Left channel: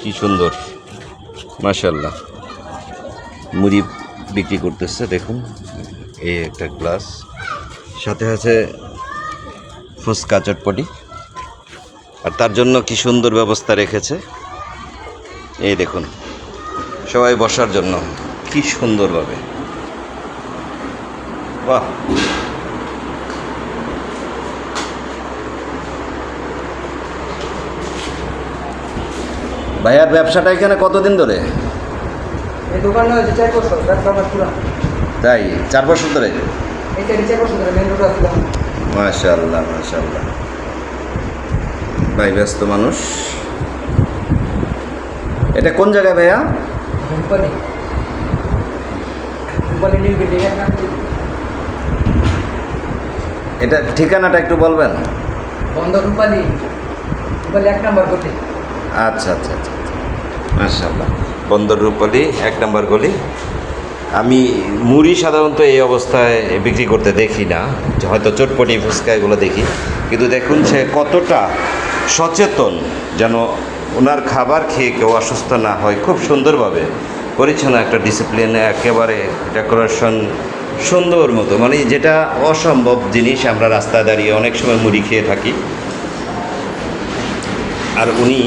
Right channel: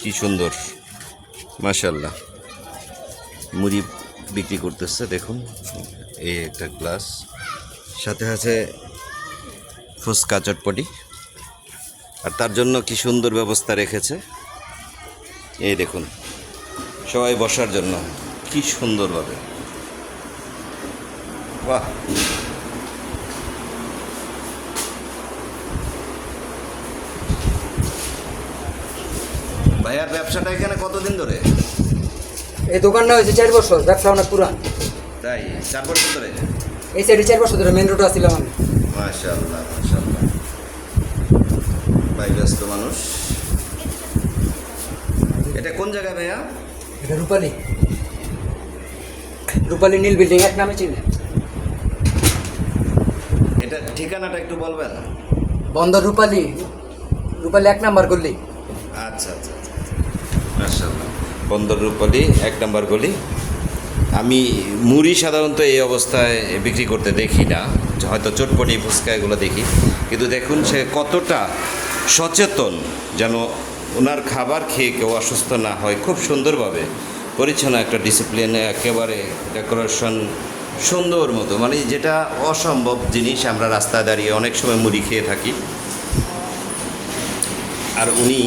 কি সুন্দর, মাশাআল্লাহ। মুড়ি বিক্রি করতেছে, দেখুন এই একটা গ্লাস, সাথে আছে ফুচকা চটপটি, আর তার জন্য কি সুন্দর ব্যবস্থা রেখেছে। এই দেখুন, সবাই বসার জন্য কি সুন্দরভাবে, বাহ। ভাইয়ার ব্যবসাটা এখানে কতদিন ধরে? এই দোকানটা হচ্ছে 4 বছর, ব্যবসা আমার পুরা। তাই 4 বছর ধরে? এই সাইডে 4 বছর ধরে, মেন রোড আসছিলাম। মাশাআল্লাহ মাশাআল্লাহ, ভাই ব্যস্ত মানুষ। এটা কোন জায়গায় ভাইয়া? রূপালী, রূপালী নীল বিল্ডিং এক নামে চিনি। এটা ঠিকানাটা একটু বলবেন? বন্দর রূপালী, রূপালী 1 নাম্বার গলি। আচ্ছা আচ্ছা আচ্ছা, মাশাআল্লাহ। বন্দর রূপালী 1 নম্বর গলি। আমি মুড়ি সাধারণত এই অবস্থায় বিক্রি করতে দেখি না, হয়তো চটপটি ফুচকা এগুলো দেখি, কিন্তু দেখুন সে কতটা সচেতন যেন ওনার খাবার খেয়ে কেউ অসুস্থ না হয়। খুব সুন্দরভাবে পরিচ্ছন্ন একটা ডিসিপ্লিনে, একেবারে ডেকোরেশন সুন্দর মতো, মানে যেটা অসম্ভব জিনিস আমরা রাস্তায় দাঁড়িয়ে অনেক সময় মুড়ি খেয়ে থাকি। আর উনি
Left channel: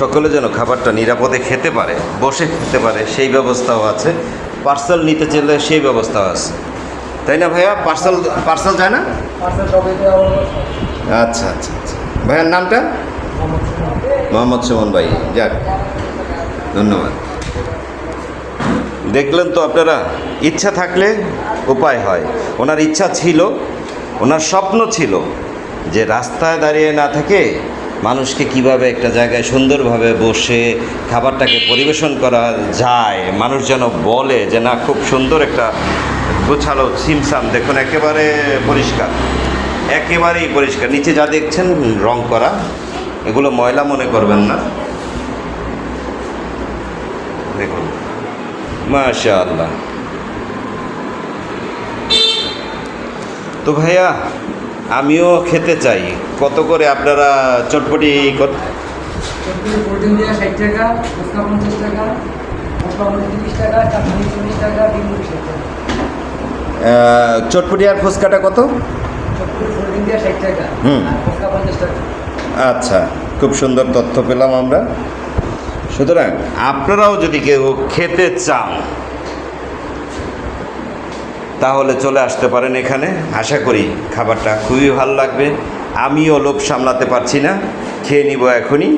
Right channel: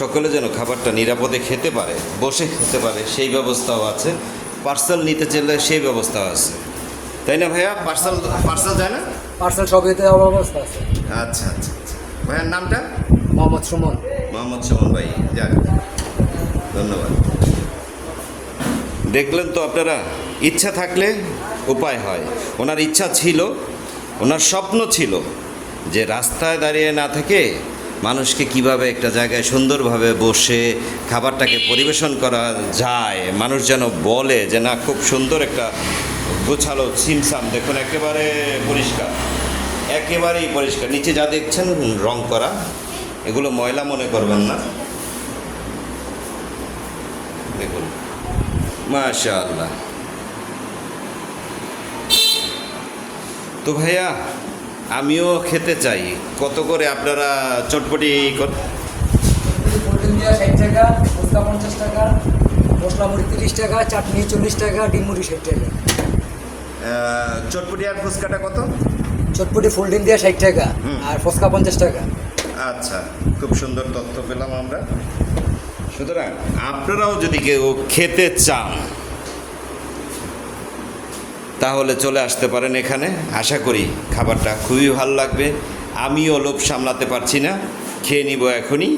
সকলে যেন খাবারটা নিরাপদে খেতে পারে, বসে খেতে পারে, সেই ব্যবস্থাও আছে। পার্সেল নিতে চাইলে সেই ব্যবস্থাও আছে, তাই না ভাইয়া? পার্সেল যায় না? পার্সেল সব দিতে যাওয়ার অবস্থা আছে। আচ্ছা আচ্ছা আচ্ছা, ভাইয়ার নামটা? মোহাম্মদ সুমন। মোহাম্মদ সুমন ভাই, যাক, ধন্যবাদ। দেখলেন তো আপনারা, ইচ্ছা থাকলে উপায় হয়। ওনার ইচ্ছা ছিল, ওনার স্বপ্ন ছিল যে রাস্তায় দাঁড়িয়ে না থেকে মানুষকে কিভাবে একটা জায়গায় সুন্দরভাবে বসে খাবারটাকে পরিবেশন করা যায়, মানুষ যেন বলে যে না, খুব সুন্দর একটা গোছালো ছিমছাম। দেখুন একেবারে পরিষ্কার, একেবারেই পরিষ্কার। নিচে যা দেখছেন রং করা, এগুলো ময়লা মনে করবেন না। দেখুন, মাশাআল্লাহ। তো ভাইয়া, আমিও খেতে চাই। কত করে আপনারা চটপটি? প্রোটিন দেওয়া 60 টাকা, ফুচকা 50 টাকা, মশলা মুড়ি 30 টাকা, চাটনি 40 টাকা, ডিম মুড়ি 60 টাকা। চটপটি আর ফুচকাটা কত? চটপটি ফুল ডিম দেওয়া 60 টাকা, আর ফুচকা 50 টাকা। আচ্ছা, খুব সুন্দর তথ্য পেলাম আমরা। সুতরাং আপনারাও যদি কেউ খেতে চান তাহলে চলে আসতে পারেন এখানে। আশা করি খাবারটা খুবই ভালো লাগবে। আমিও লোভ সামলাতে পারছি না, খেয়ে নিব এখনই।